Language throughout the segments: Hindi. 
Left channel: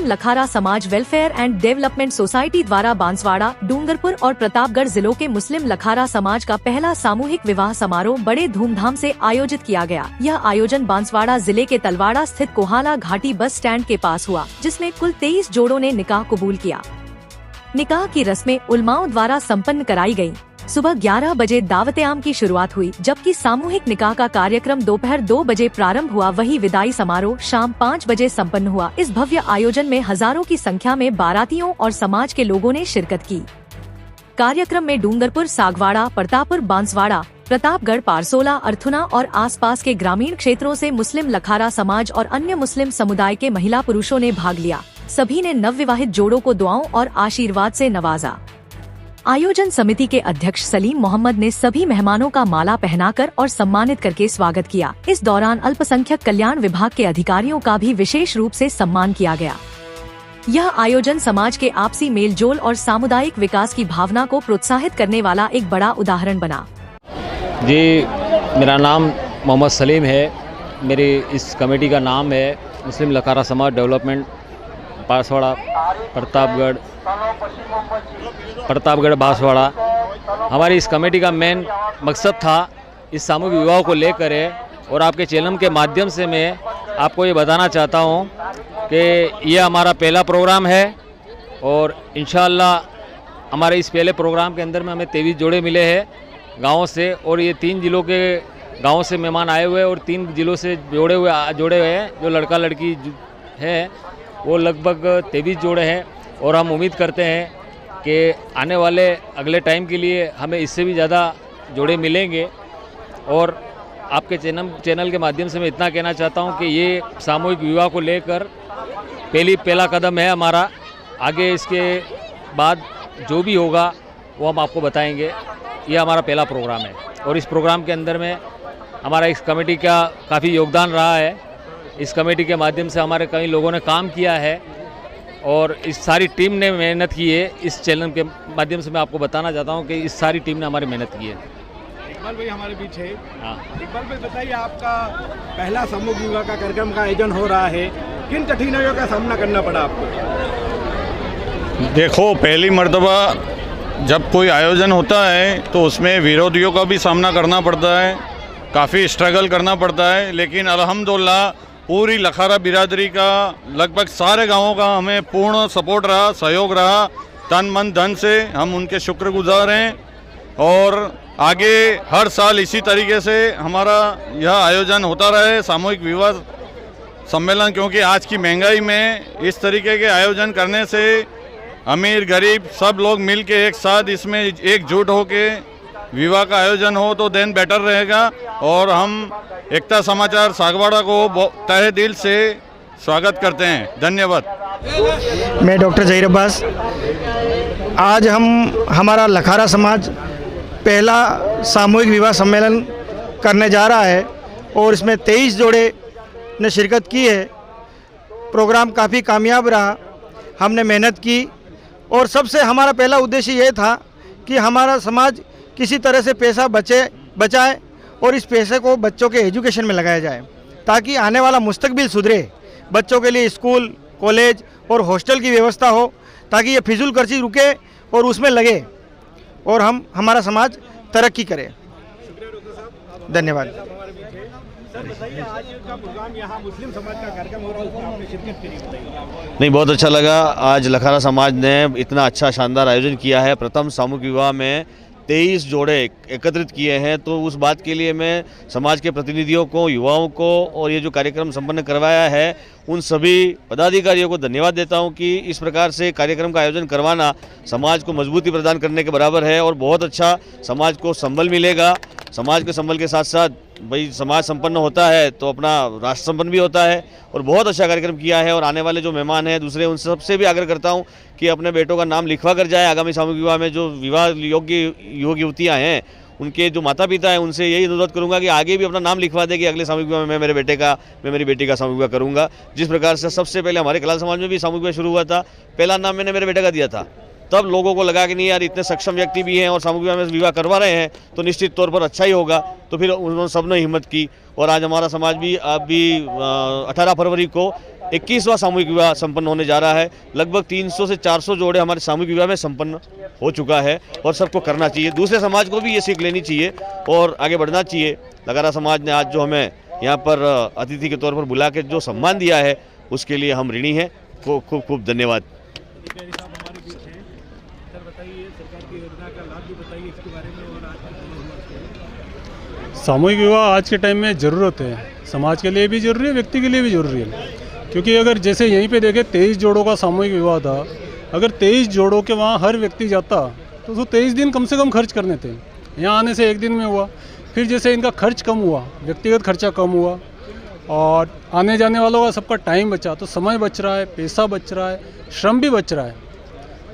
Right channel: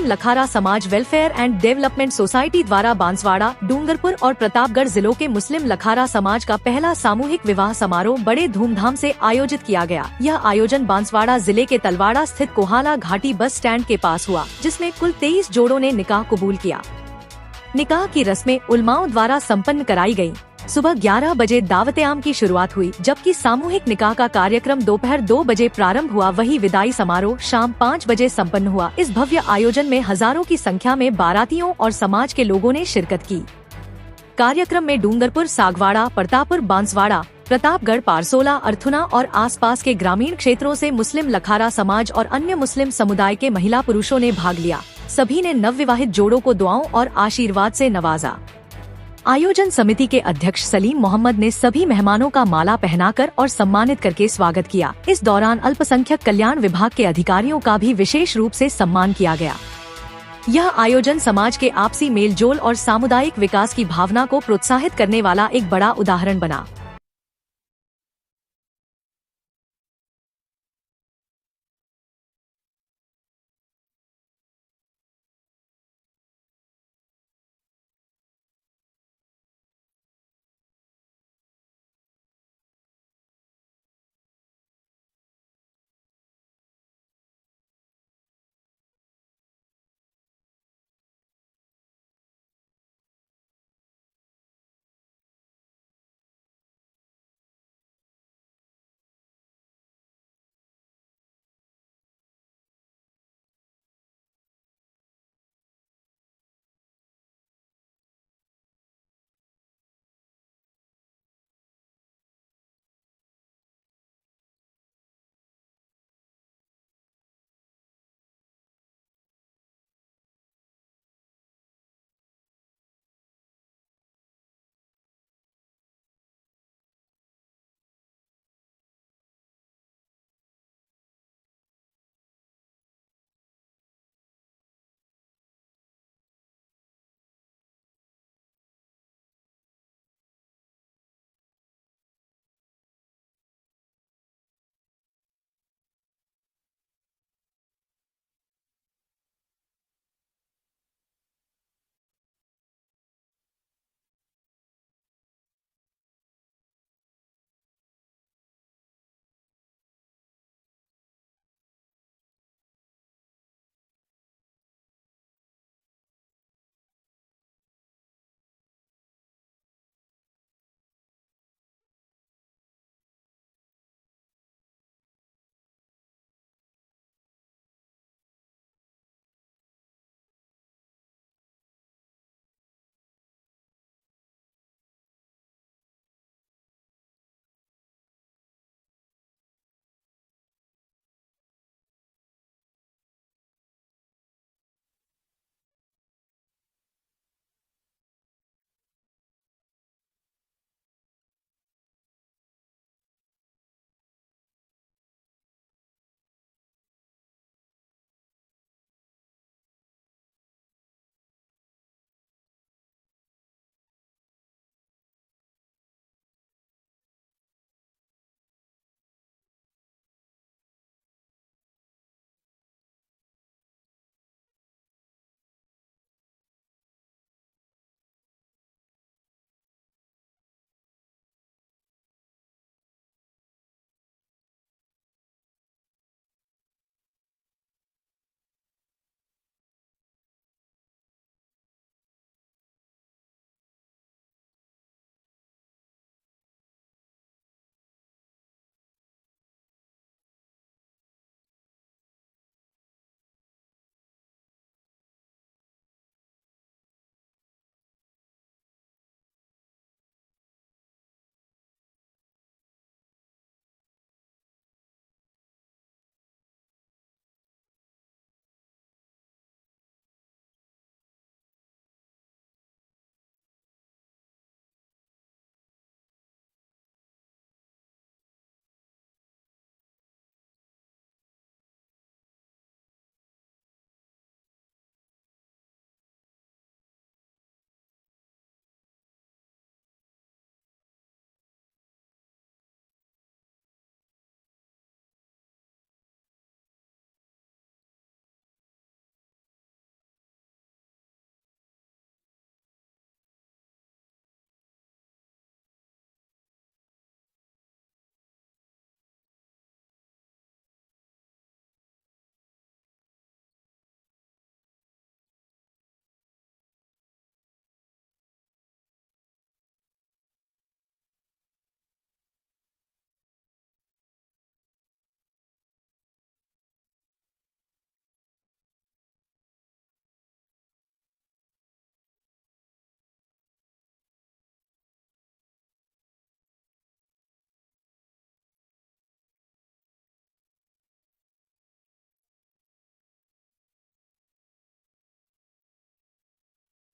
मुस्लिम लखारा समाज वेलफेयर एंड डेवलपमेंट सोसाइटी द्वारा बांसवाड़ा, डूंगरपुर और प्रतापगढ़ जिलों के मुस्लिम लखारा समाज का पहला सामूहिक विवाह समारोह बड़े धूमधाम से आयोजित किया गया। यह आयोजन बांसवाड़ा जिले के तलवाड़ा स्थित कोहाला घाटी बस स्टैंड के पास हुआ, जिसमें कुल 23 जोड़ों ने निकाह कबूल किया। निकाह की रस्में उलमाओं द्वारा संपन्न कराई गयी। सुबह 11 बजे दावत-ए-आम की शुरुआत हुई, जबकि सामूहिक निकाह का कार्यक्रम दोपहर 2 बजे प्रारंभ हुआ। वहीं विदाई समारोह शाम 5 बजे संपन्न हुआ। इस भव्य आयोजन में हजारों की संख्या में बारातियों और समाज के लोगों ने शिरकत की। कार्यक्रम में डूंगरपुर, सागवाड़ा, प्रतापपुर, बांसवाड़ा, प्रतापगढ़, पारसोला, अर्थुना और आसपास के ग्रामीण क्षेत्रों से मुस्लिम लखारा समाज और अन्य मुस्लिम समुदाय के महिला पुरुषों ने भाग लिया। सभी ने नवविवाहित जोड़ों को दुआओं और आशीर्वाद से नवाजा। आयोजन समिति के अध्यक्ष सलीम मोहम्मद ने सभी मेहमानों का माला पहनाकर और सम्मानित करके स्वागत किया। इस दौरान अल्पसंख्यक कल्याण विभाग के अधिकारियों का भी विशेष रूप से सम्मान किया गया। यह आयोजन समाज के आपसी मेलजोल और सामुदायिक विकास की भावना को प्रोत्साहित करने वाला एक बड़ा उदाहरण बना। जी, मेरा नाम मोहम्मद सलीम है। मेरी इस कमेटी का नाम है मुस्लिम लखारा समाज डेवलपमेंट बांसवाड़ा, प्रतापगढ़ बांसवाड़ा। हमारी इस कमेटी का मेन मकसद था इस सामूहिक विवाह को लेकर है, और आपके चैनल के माध्यम से मैं आपको ये बताना चाहता हूँ कि ये हमारा पहला प्रोग्राम है, और इंशाअल्लाह हमारे इस पहले प्रोग्राम के अंदर में हमें 23 जोड़े मिले हैं गाँव से, और ये 3 जिलों के गाँव से मेहमान आए हुए हैं और 3 जिलों से जोड़े हुए हैं। जो लड़का लड़की है वो लगभग 23 जोड़े हैं, और हम उम्मीद करते हैं कि आने वाले अगले टाइम के लिए हमें इससे भी ज़्यादा जोड़े मिलेंगे। और आपके चैनल के माध्यम से मैं इतना कहना चाहता हूं कि ये सामूहिक विवाह को लेकर पहला कदम है हमारा। आगे इसके बाद जो भी होगा वो हम आपको बताएंगे। ये हमारा पहला प्रोग्राम है, और इस प्रोग्राम के अंदर में हमारा इस कमेटी का काफ़ी योगदान रहा है। इस कमेटी के माध्यम से हमारे कई लोगों ने काम किया है, और इस सारी टीम ने मेहनत की है। इस चैनल के माध्यम से मैं आपको बताना चाहता हूं कि इस सारी टीम ने हमारी मेहनत की है। इकबाल भाई हमारे बीच है। हाँ, इकबाल भाई बताइए, आपका पहला सामूहिक विवाह का कार्यक्रम का आयोजन हो रहा है, किन कठिनाइयों का सामना करना पड़ा आपको? देखो, पहली मर्तबा जब कोई आयोजन होता है तो उसमें विरोधियों का भी सामना करना पड़ता है, काफ़ी स्ट्रगल करना पड़ता है, लेकिन अल्हम्दुलिल्लाह पूरी लखारा बिरादरी का लगभग सारे गांवों का हमें पूर्ण सपोर्ट रहा, सहयोग रहा। तन मन धन से हम उनके शुक्रगुजार हैं, और आगे हर साल इसी तरीके से हमारा यह आयोजन होता रहे, सामूहिक विवाह सम्मेलन। क्योंकि आज की महंगाई में इस तरीके के आयोजन करने से अमीर गरीब सब लोग मिल के एक साथ इसमें एकजुट होके विवाह का आयोजन हो तो देन बेटर रहेगा। और हम एकता समाचार सागवाड़ा को तहे दिल से स्वागत करते हैं। धन्यवाद। मैं डॉक्टर जहीर अब्बास। आज हमारा लखारा समाज पहला सामूहिक विवाह सम्मेलन करने जा रहा है, और इसमें 23 जोड़े ने शिरकत की है। प्रोग्राम काफ़ी कामयाब रहा, हमने मेहनत की, और सबसे हमारा पहला उद्देश्य ये था कि हमारा समाज किसी तरह से पैसा बचाए और इस पैसे को बच्चों के एजुकेशन में लगाया जाए, ताकि आने वाला मुस्तकबिल सुधरे। बच्चों के लिए स्कूल, कॉलेज और हॉस्टल की व्यवस्था हो, ताकि ये फिजूल खर्ची रुके और उसमें लगे, और हमारा समाज तरक्की करे। धन्यवाद। नहीं, बहुत अच्छा लगा। आज लखारा समाज ने इतना अच्छा शानदार आयोजन किया है। प्रथम सामूहिक विवाह में 23 जोड़े एकत्रित किए हैं, तो उस बात के लिए मैं समाज के प्रतिनिधियों को, युवाओं को, और ये जो कार्यक्रम संपन्न करवाया है उन सभी पदाधिकारियों को धन्यवाद देता हूं कि इस प्रकार से कार्यक्रम का आयोजन करवाना समाज को मजबूती प्रदान करने के बराबर है, और बहुत अच्छा समाज को संबल मिलेगा। समाज के संबल के साथ साथ भाई समाज संपन्न होता है तो अपना राष्ट्र संपन्न भी होता है, और बहुत अच्छा कार्यक्रम किया है। और आने वाले जो मेहमान हैं दूसरे, उन सबसे भी आग्रह करता हूं कि अपने बेटों का नाम लिखवा कर जाए। आगामी सामूहिक विवाह में जो विवाह योग्य युवक युवतियाँ हैं, उनके जो माता पिता हैं, उनसे यही अनुरोध करूंगा कि आगे भी अपना नाम लिखवा दे कि अगले सामूहिक विवाह में मैं मेरे बेटे का, मैं मेरी बेटी का सामूहिक विवाह करूंगा। जिस प्रकार से सबसे पहले हमारे कलाल समाज में भी सामूहिक विवाह शुरू हुआ था, पहला नाम मैंने मेरे बेटे का दिया था, तब लोगों को लगा कि नहीं यार, इतने सक्षम व्यक्ति भी हैं और सामूहिक विवाह में विवाह करवा रहे हैं तो निश्चित तौर पर अच्छा ही होगा। तो फिर उन्होंने सबने हिम्मत की, और आज हमारा समाज भी अभी 18 फरवरी को 21वां सामूहिक विवाह संपन्न होने जा रहा है। लगभग 300 से 400 जोड़े हमारे सामूहिक विवाह में संपन्न हो चुका है और सबको करना चाहिए। दूसरे समाज को भी ये सीख लेनी चाहिए और आगे बढ़ना चाहिए। लखारा समाज ने आज जो हमें यहाँ पर अतिथि के तौर पर बुला के जो सम्मान दिया है उसके लिए हम ऋणी हैं। खूब खूब धन्यवाद। सामूहिक विवाह आज के टाइम में ज़रूरत है, समाज के लिए भी ज़रूरी है, व्यक्ति के लिए भी ज़रूरी है। क्योंकि अगर जैसे यहीं पे देखें 23 जोड़ों का सामूहिक विवाह था, अगर 23 जोड़ों के वहाँ हर व्यक्ति जाता तो उसको 23 दिन कम से कम खर्च करने थे। यहाँ आने से एक दिन में हुआ। फिर जैसे इनका खर्च कम हुआ, व्यक्तिगत खर्चा कम हुआ और आने जाने वालों का सबका टाइम बचा, तो समय बच रहा है, पैसा बच रहा है, श्रम भी बच रहा है।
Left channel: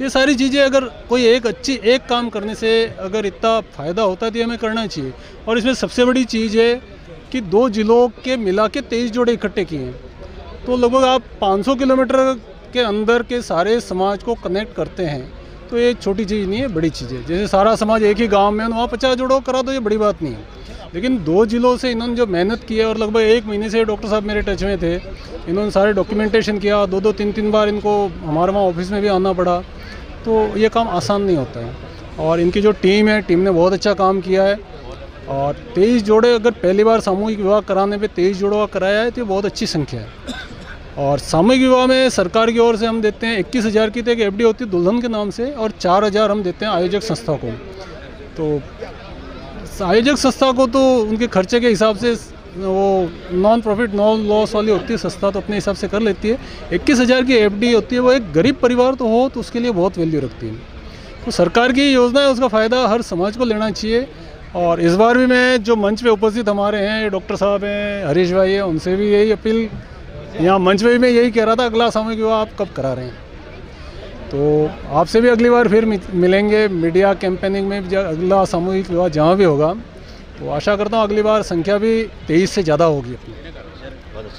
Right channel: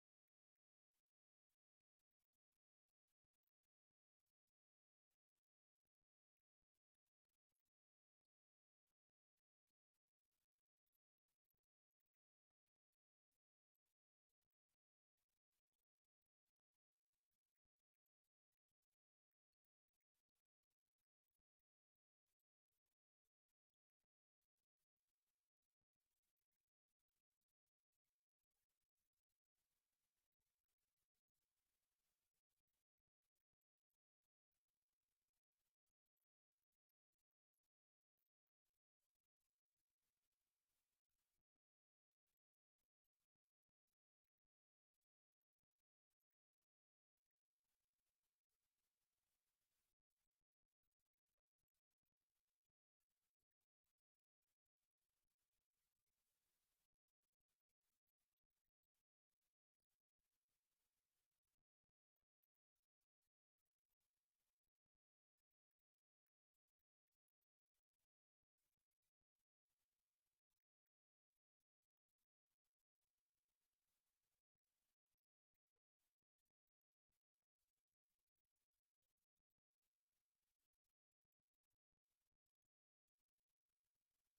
ये सारी चीज़ें अगर कोई एक काम करने से अगर इतना फ़ायदा होता है तो हमें करना चाहिए। और इसमें सबसे बड़ी चीज़ है कि 2 जिलों के मिला के 23 जोड़े इकट्ठे किए हैं, तो लगभग आप 500 किलोमीटर के अंदर के सारे समाज को कनेक्ट करते हैं। तो ये छोटी चीज़ नहीं है, बड़ी चीज़ है। जैसे सारा समाज एक ही गांव में वहाँ 50 जोड़ों करा तो ये बड़ी बात नहीं है। लेकिन 2 जिलों से इन्होंने जो मेहनत की है और लगभग 1 महीने से डॉक्टर साहब मेरे टच में थे, इन्होंने सारे डॉक्यूमेंटेशन किया, 2-2 3-3 बार इनको हमारे वहाँ ऑफिस में भी आना पड़ा। तो ये काम आसान नहीं होता है और इनकी जो टीम है, टीम ने बहुत अच्छा काम किया है। और 23 जोड़े अगर पहली बार सामूहिक विवाह कराने पे 23 जोड़ों का कराया है तो ये बहुत अच्छी संख्या है। और सामूहिक विवाह में सरकार की ओर से हम देते हैं 21,000 की तो एक FD होती है दुल्हन के नाम से, और 4,000 हम देते हैं आयोजक संस्था को। तो आयोजक संस्था को तो उनके खर्चे के हिसाब से वो नॉन प्रॉफिट नॉन लॉस वाली होती है संस्था, तो अपने हिसाब से कर लेती है। 21,000 की FD होती है, वो एक गरीब परिवार तो हो तो उसके लिए बहुत वैल्यू रखती है। तो सरकार की योजना है, उसका फ़ायदा हर समाज को लेना चाहिए। और इस बार भी मैं जो मंच पे उपस्थित हमारे हैं, डॉक्टर साहब हैं, हरीश भाई हैं, उनसे भी यही अपील, यहाँ मंच पे भी मैं यही कह रहा था, अगला सामूहिक विवाह आप कब करा रहे हैं। तो आपसे भी अगली बार फिर मिलेंगे मीडिया कैंपेनिंग में, अगला सामूहिक विवाह जहाँ भी होगा, तो आशा करता हूँ अगली बार संख्या भी 23 से ज़्यादा होगी अपनी।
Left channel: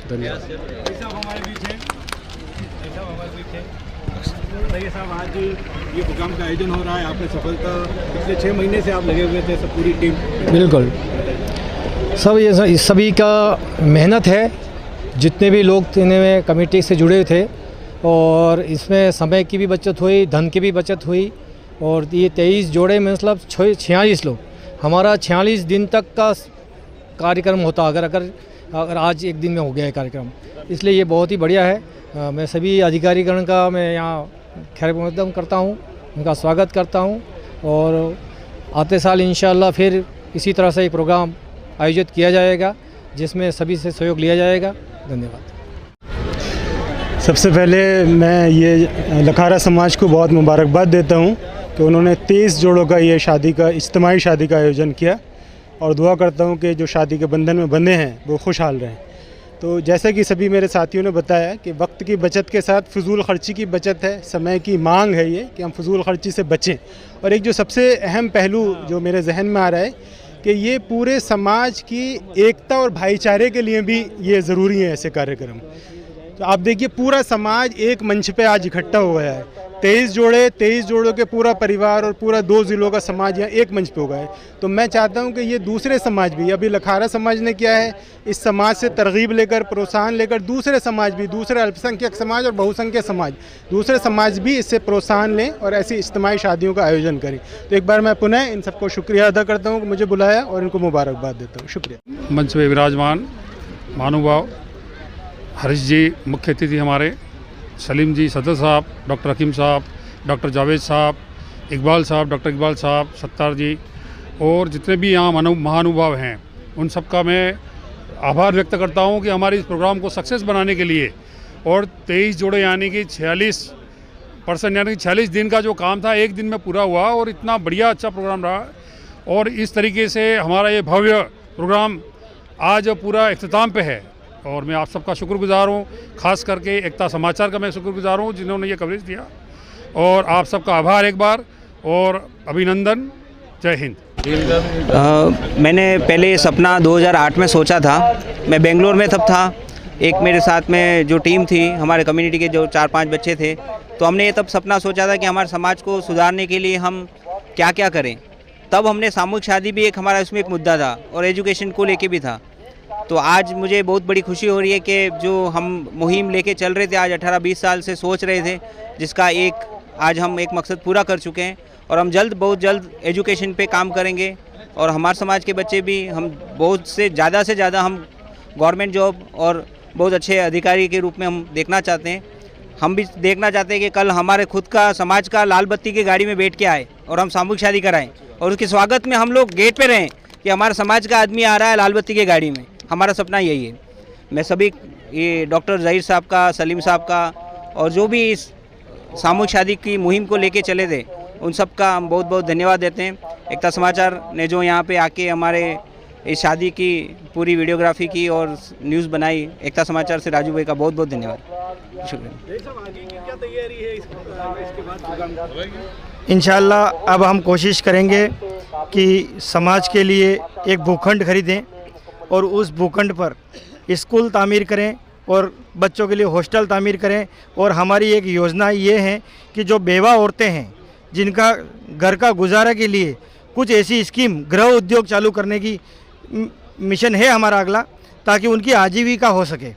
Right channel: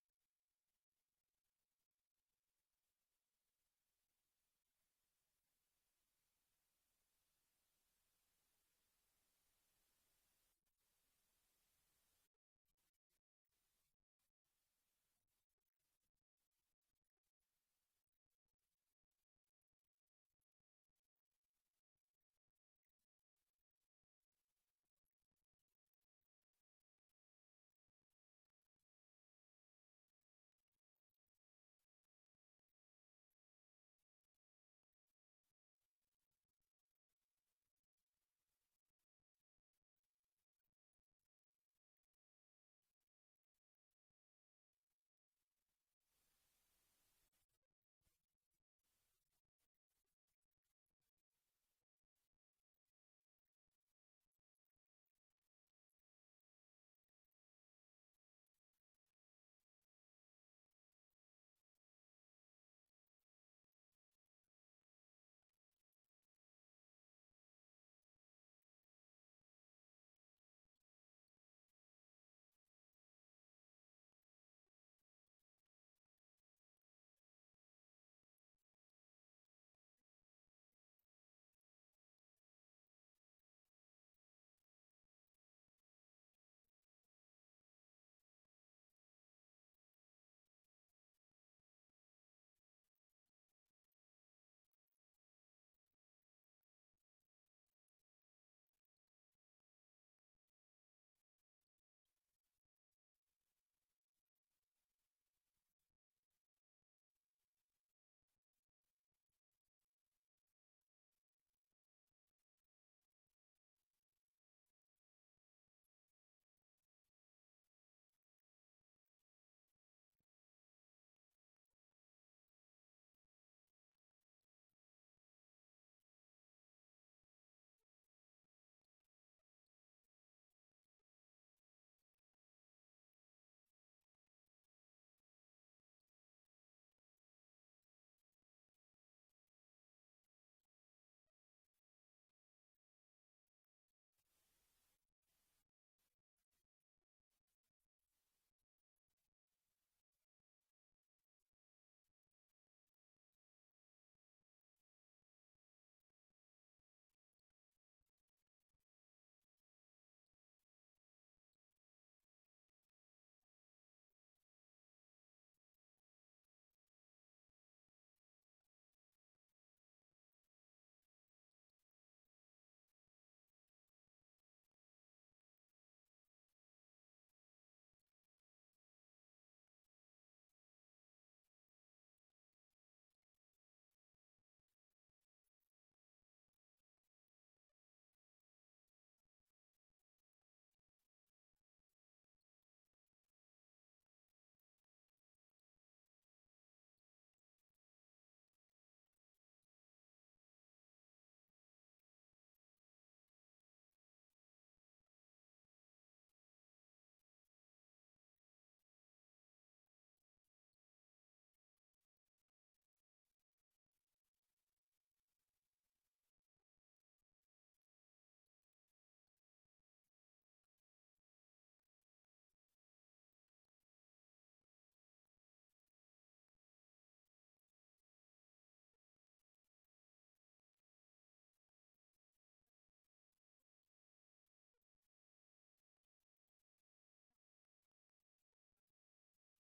धन्यवाद। साहब, आज ये प्रोग्राम का आयोजन हो रहा है, आपने सफलता, पिछले 6 महीने से आप लगे हुए थे, सब पूरी टीम। बिल्कुल, सब ये सभी का मेहनत है, जितने भी लोग में कमेटी से जुड़े थे। और इसमें समय की भी बचत हुई, धन की भी बचत हुई। और ये 23 जोड़े में मतलब 46 लोग, हमारा 46 दिन तक का कार्यक्रम होता अगर आज एक दिन में हो गया है कार्यक्रम, इसलिए ये बहुत ही बढ़िया है। मैं सभी अधिकारीगण का मैं यहाँ खैर मकदम करता हूँ, उनका स्वागत करता हूँ। और आते साल इंशाअल्लाह फिर इसी तरह से एक प्रोग्राम आयोजित किया जाएगा जिसमें सभी से सहयोग लिया जाएगा। धन्यवाद। सबसे पहले मैं ये लखारा समाज को बहुत मुबारकबाद देता हूँ कि उन्होंने 23 जोड़ों का ये इज्तिमाई शादी का आयोजन किया, और दुआ करता हूँ कि जो शादी के बंधन में बंधे हैं वो खुशहाल रहें। तो जैसा कि सभी मेरे साथियों ने बताया कि वक्त की बचत के साथ फजूल खर्ची की बचत है, समय की मांग है ये कि हम फजूल खर्ची से बचें। और एक जो सबसे अहम पहलू जो मेरे जहन में आ रहा है कि ये पूरे समाज की एकता और भाईचारे के लिए भी ये ज़रूरी है ऐसे कार्यक्रम। तो आप देखिए पूरा समाज एक मंच पे आज इकट्ठा हुआ है, 23 जोड़ों के पूरा परिवार और पूरा 2 ज़िलों का समाज यहाँ एक मंच पे हो गया है। तो मैं चाहता हूँ कि ये दूसरे समाज भी, अभी लखारा समाज ने किया है, इस समाज से तरगीब लेकर, प्रोत्साहन लेकर दूसरे समाज भी, दूसरे अल्पसंख्यक समाज और बहुसंख्यक समाज, दूसरे समाज भी इससे प्रोत्साहन लें और ऐसी इज्तिमाई शादियों का आयोजन करें। तो एक बार मैं पुनः इन सबको शुक्रिया अदा करता हूँ कि मुझे बुलाया, और इनको मुबारकबाद देता हूँ। शुक्रिया। मंच पे विराजमान महानुभाव हरीश जी मुख्य अतिथि, हमारे सलीम जी सदर साहब, डॉक्टर हकीम साहब, डॉक्टर जावेद साहब, इकबाल साहब, डॉक्टर इकबाल साहब, सत्तार जी, और जितने भी यहाँ महानुभाव हैं, उन सब का मैं आभार व्यक्त करता हूँ कि हमारे इस प्रोग्राम को सक्सेस बनाने के लिए। और 23 जोड़े यानी कि 46% यानी कि 46 दिन का जो काम था एक दिन में पूरा हुआ, और इतना बढ़िया अच्छा प्रोग्राम रहा। और इस तरीके से हमारा ये भव्य प्रोग्राम आज पूरा इख्तिताम पे है, और मैं आप सबका शुक्रगुजार हूँ, ख़ास करके एकता समाचार का मैं शुक्रगुजार हूँ जिन्होंने ये कवरेज दिया। और आप सबका आभार एक बार, और अभिनंदन। जय हिंद। मैंने पहले ये सपना 2008 में सोचा था, मैं बेंगलोर में तब था। एक मेरे साथ में जो टीम थी, हमारे कम्युनिटी के जो 4-5 बच्चे थे, तो हमने ये तब सपना सोचा था कि हमारे समाज को सुधारने के लिए हम क्या क्या करें। तब हमने सामूहिक शादी भी एक हमारा उसमें एक मुद्दा था, और एजुकेशन को लेके भी था। तो आज मुझे बहुत बड़ी खुशी हो रही है कि जो हम मुहिम लेके चल रहे थे, आज 18-20 साल से सोच रहे थे, जिसका आज हम एक मकसद पूरा कर चुके हैं। और हम बहुत जल्द एजुकेशन पे काम करेंगे और हमारे समाज के बच्चे भी हम बहुत से ज़्यादा हम गवर्नमेंट जॉब और बहुत अच्छे अधिकारी के रूप में हम देखना चाहते हैं। हम भी देखना चाहते हैं कि कल हमारे खुद का समाज का लाल बत्ती की गाड़ी में बैठ के आए और हम सामूहिक शादी कराएं और उसके स्वागत में हम लोग गेट पे रहें कि हमारे समाज का आदमी आ रहा है लाल बत्ती की गाड़ी में। हमारा सपना यही है। मैं सभी ये डॉक्टर ज़हीर साहब का, सलीम साहब का और जो भी इस सामूहिक शादी की मुहिम को लेके चले थे, उन सब का हम बहुत धन्यवाद देते हैं। एकता समाचार ने जो यहाँ पे आके हमारे इस शादी की पूरी वीडियोग्राफी की और न्यूज़ बनाई, एकता समाचार से राजू भाई का बहुत धन्यवाद, शुक्रिया। इंशाल्लाह अब हम कोशिश करेंगे कि समाज के लिए एक भूखंड खरीदें और उस भूखंड पर स्कूल तामीर करें और बच्चों के लिए हॉस्टल तामीर करें। और हमारी एक योजना ये है कि जो बेवा औरतें हैं जिनका घर का गुजारा के लिए कुछ ऐसी स्कीम गृह उद्योग चालू करने की मिशन है हमारा अगला, ताकि उनकी आजीविका हो सके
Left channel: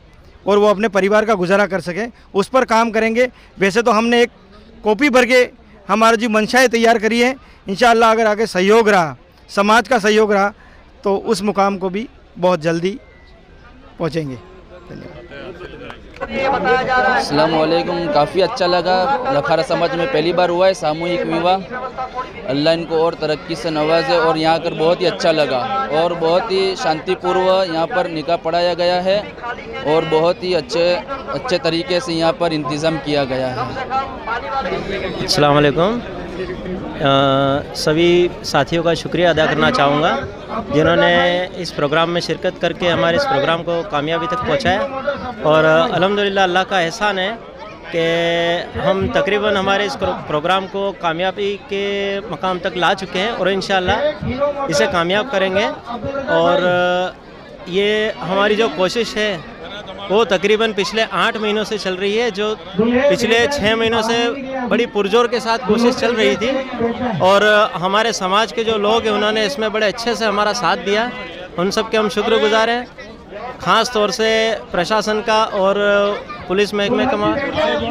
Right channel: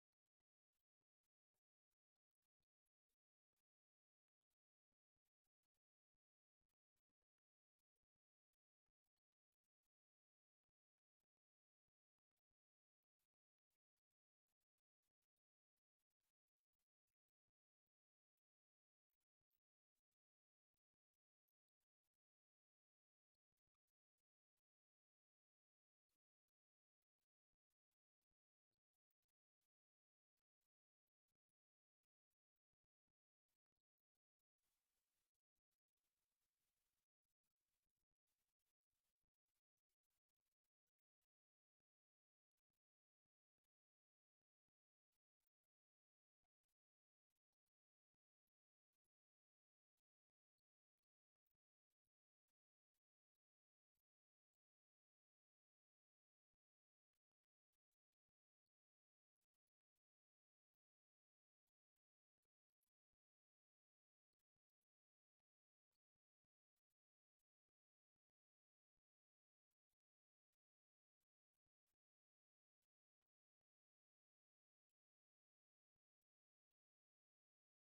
और वो अपने परिवार का गुजारा कर सके, उस पर काम करेंगे। वैसे तो हमने एक कॉपी भर के हमारा जो मंशाएँ तैयार करी है, इंशाअल्लाह अगर आगे सहयोग रहा, समाज का सहयोग रहा, तो उस मुकाम को भी बहुत जल्दी पहुँचेंगे। अस्सलाम वालेकुम। काफ़ी अच्छा लगा। लखारा समाज में पहली बार हुआ है सामूहिक विवाह। अल्लाह इनको और तरक्की से नवाजे। और यहाँ कर बहुत ही अच्छा लगा और बहुत ही शांतिपूर्व यहाँ पर निकाह पढ़ाया गया है और बहुत ही अच्छे तरीके से यहाँ पर इंतज़ाम किया गया है। अस्सलाम वालेकुम। सभी साथियों का शुक्रिया अदा करना चाहूँगा जिन्होंने इस प्रोग्राम में शिरकत करके हमारे इस प्रोग्राम को कामयाबी तक पहुँचाया। और अल्हम्दुलिल्लाह अल्लाह का एहसान है कि हम तकरीबन हमारे इस प्रोग्राम को कामयाबी के मकाम तक ला चुके हैं और इंशाअल्लाह इसे कामयाब करेंगे। और ये हमारी जो कोशिश है वो तकरीबन पिछले 8 महीनों से चल रही है, जो पिछले 6 महीनों से बड़ी पुरजोर के साथ कोशिश चल रही थी। और हमारे समाज के जो लोग हैं उन्होंने इसमें बड़े अच्छे से हमारा साथ दिया, उन सब के हम शुक्रगुजार हैं। ख़ास तौर से प्रशासन का और पुलिस महकमे का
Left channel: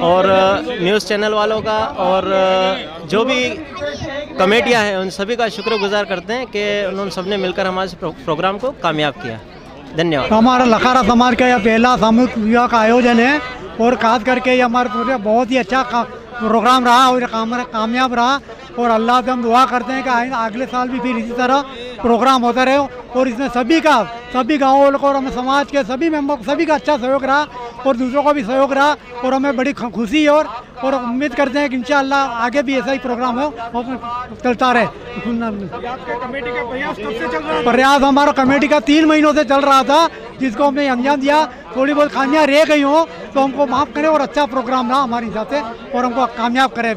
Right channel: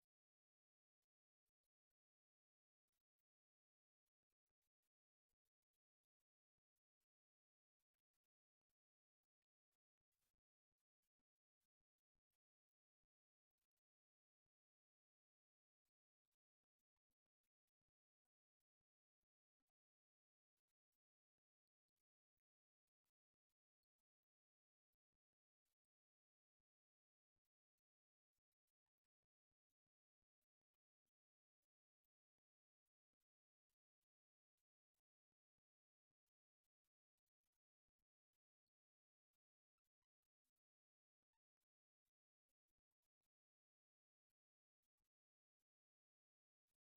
और न्यूज़ चैनल वालों का और जो भी कमेटियां हैं उन सभी का शुक्रगुजार करते हैं कि उन्होंने सबने मिलकर हमारे प्रोग्राम को कामयाब किया। धन्यवाद। हमारा लखारा समाज का यह पहला सामूहिक विवाह का आयोजन है और खास करके ये हमारे पूरे बहुत ही अच्छा प्रोग्राम रहा और कामयाब रहा। और अल्लाह से हम दुआ करते हैं कि अगले साल भी फिर इसी तरह प्रोग्राम होता रहे और इसमें सभी गाँव वालों को और हमें समाज के सभी मेंबर सभी का अच्छा सहयोग रहा और दूसरों का भी सहयोग रहा और हमें बड़ी खुशी है और उम्मीद करते हैं कि इंशाअल्लाह आगे भी ऐसा ही प्रोग्राम हो और चलता रहे। प्रयास हमारा कमेटी का 3 महीनों से चल रहा था, जिसको हमने अंजाम दिया। थोड़ी बहुत खामियां रह गई हो तो हमको माफ़ करें और अच्छा प्रोग्राम रहा हमारे हिसाब से और हमको कामयाब करें।